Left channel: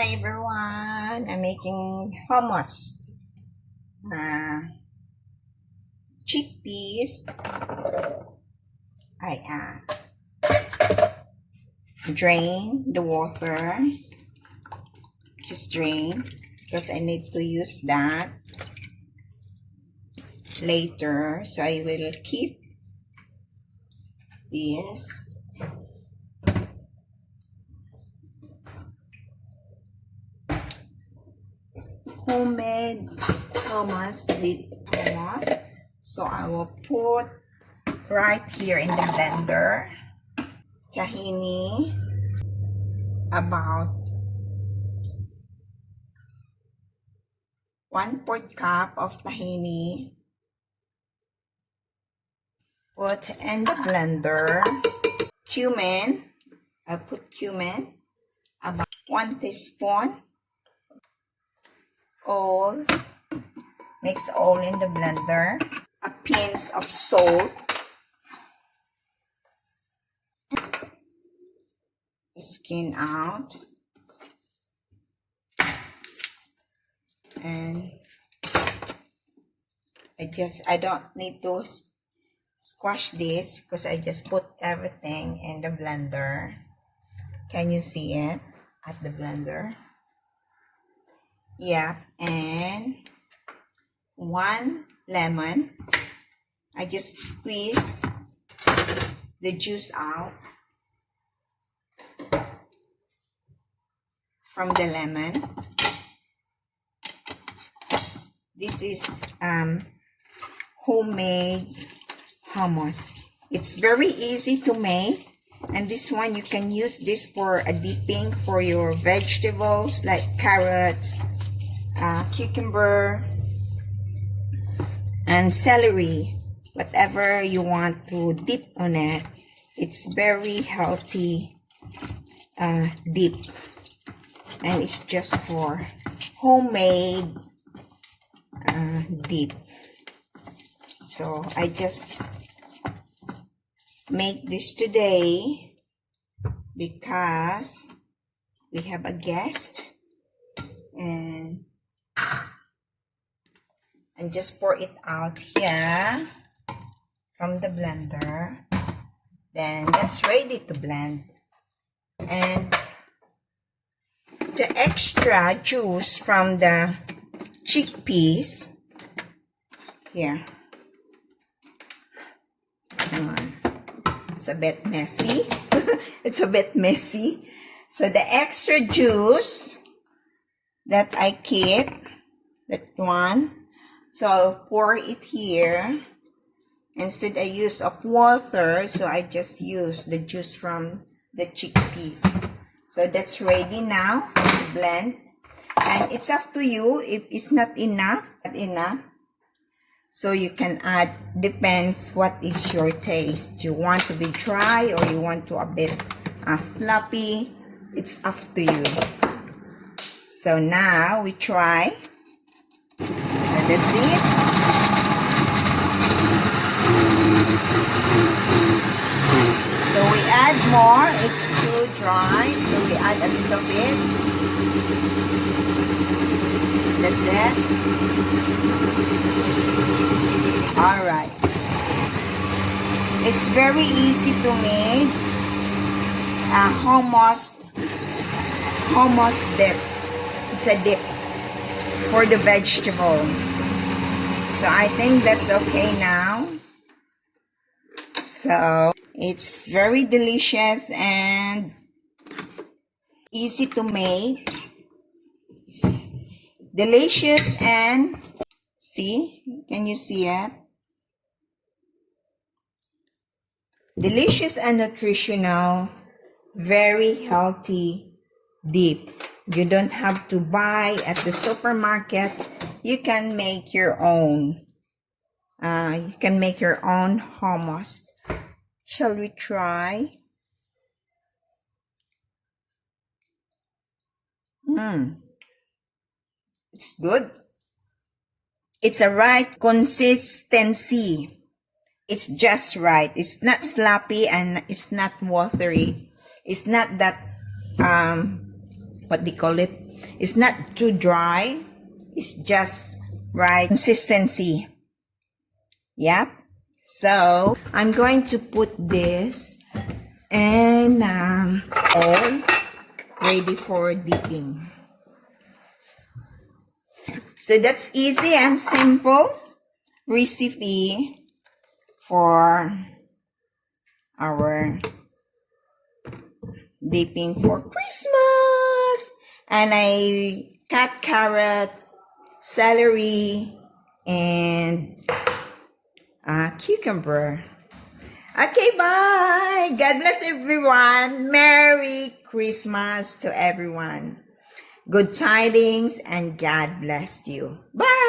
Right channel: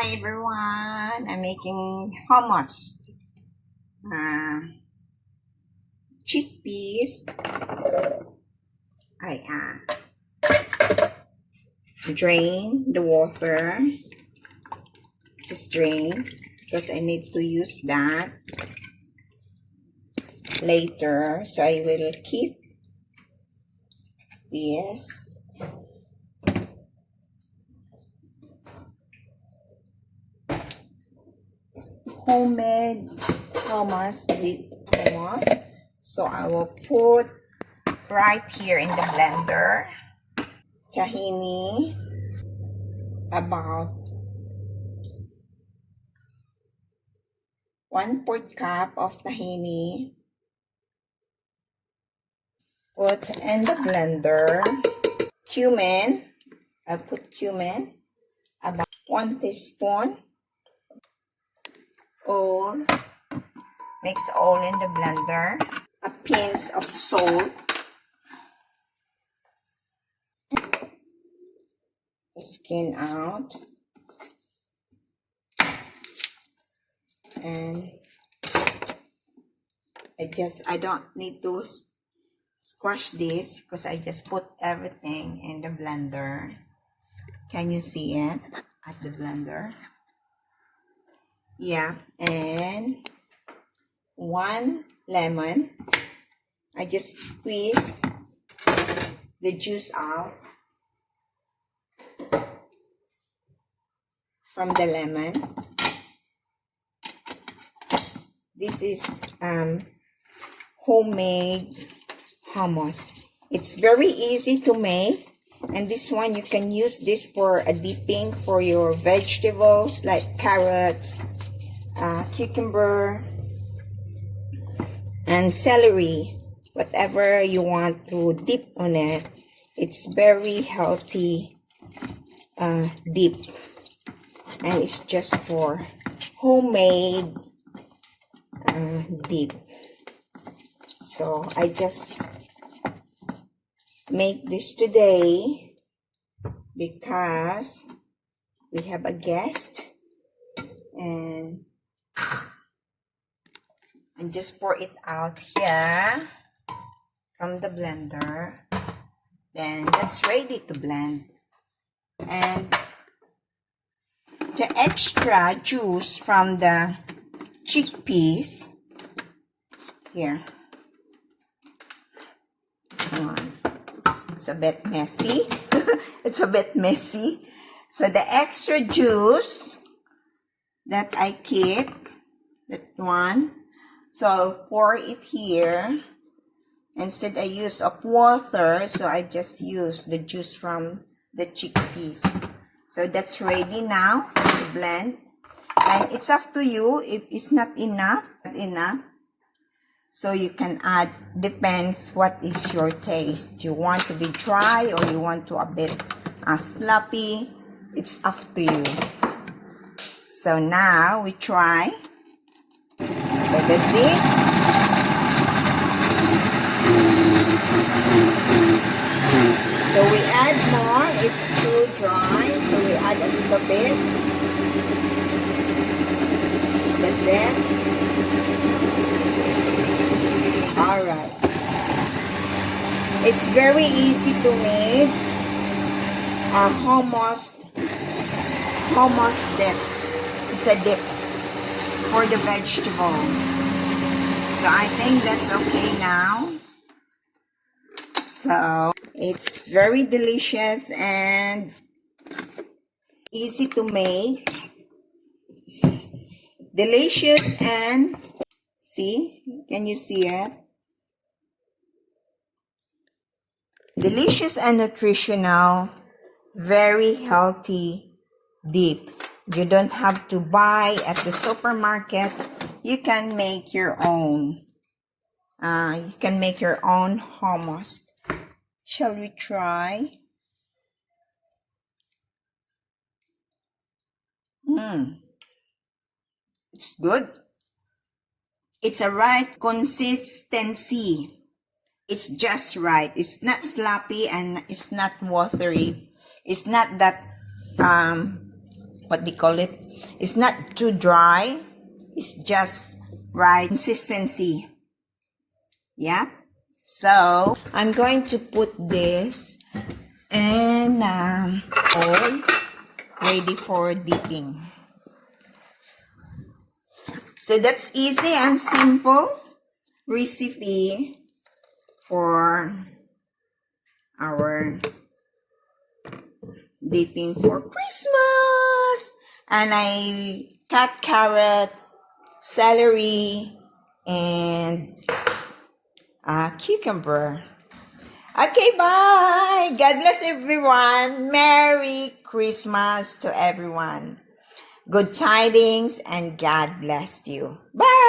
Hi everyone, I'm making hummus. Chickpeas. I drain the water. Just drain because I need to use that later. So I will keep this. Homemade hummus. So I will put right here in the blender. Tahini, about 1/4 cup of tahini. Put in the blender. Cumin. I put cumin. About 1 teaspoon. All. Mix all in the blender. A pinch of salt. Skin out. And I don't need to squash this because I just put everything in the blender. Can you see it at the blender? Yeah, and 1 lemon. I just squeeze the juice out from the lemon. This is homemade hummus. It's very easy to make, and this one you can use this for a dipping for your vegetables like carrots, cucumber, and celery. Whatever you want to dip on it. It's very healthy dip, and it's just for homemade dip. So I just make this today because we have a guest, and just pour it out here from the blender. Then that's ready to blend. And the extra juice from the chickpeas here. It's a bit messy. It's a bit messy. So the extra juice that I keep, that one, so I'll pour it here. Instead I use of water, so I just use the juice from the chickpeas. So that's ready now to blend. And it's up to you if it's not enough. So you can add, depends what is your taste. You want to be dry or you want to a bit sloppy. It's up to you. So now we try. So that's it. So we add more. It's too dry, so we add a little bit. That's it. Alright. It's very easy to make hummus dip. It's a dip for the vegetable. So I think that's okay now. So it's very delicious and easy to make. Delicious and see, can you see it? Delicious and nutritional, very healthy dip. You don't have to buy at the supermarket. You can make your own. You can make your own hummus. Shall we try? It's good. It's a right consistency. It's just right. It's not sloppy and it's not watery. It's not that what they call it. It's not too dry. It's just right consistency. Yep. So I'm going to put this in oil ready for dipping. So that's easy and simple recipe for our dipping for Christmas. And I cut carrot, celery, and cucumber. Okay, bye. God bless everyone. Merry Christmas to everyone. Good tidings and God bless you. Bye.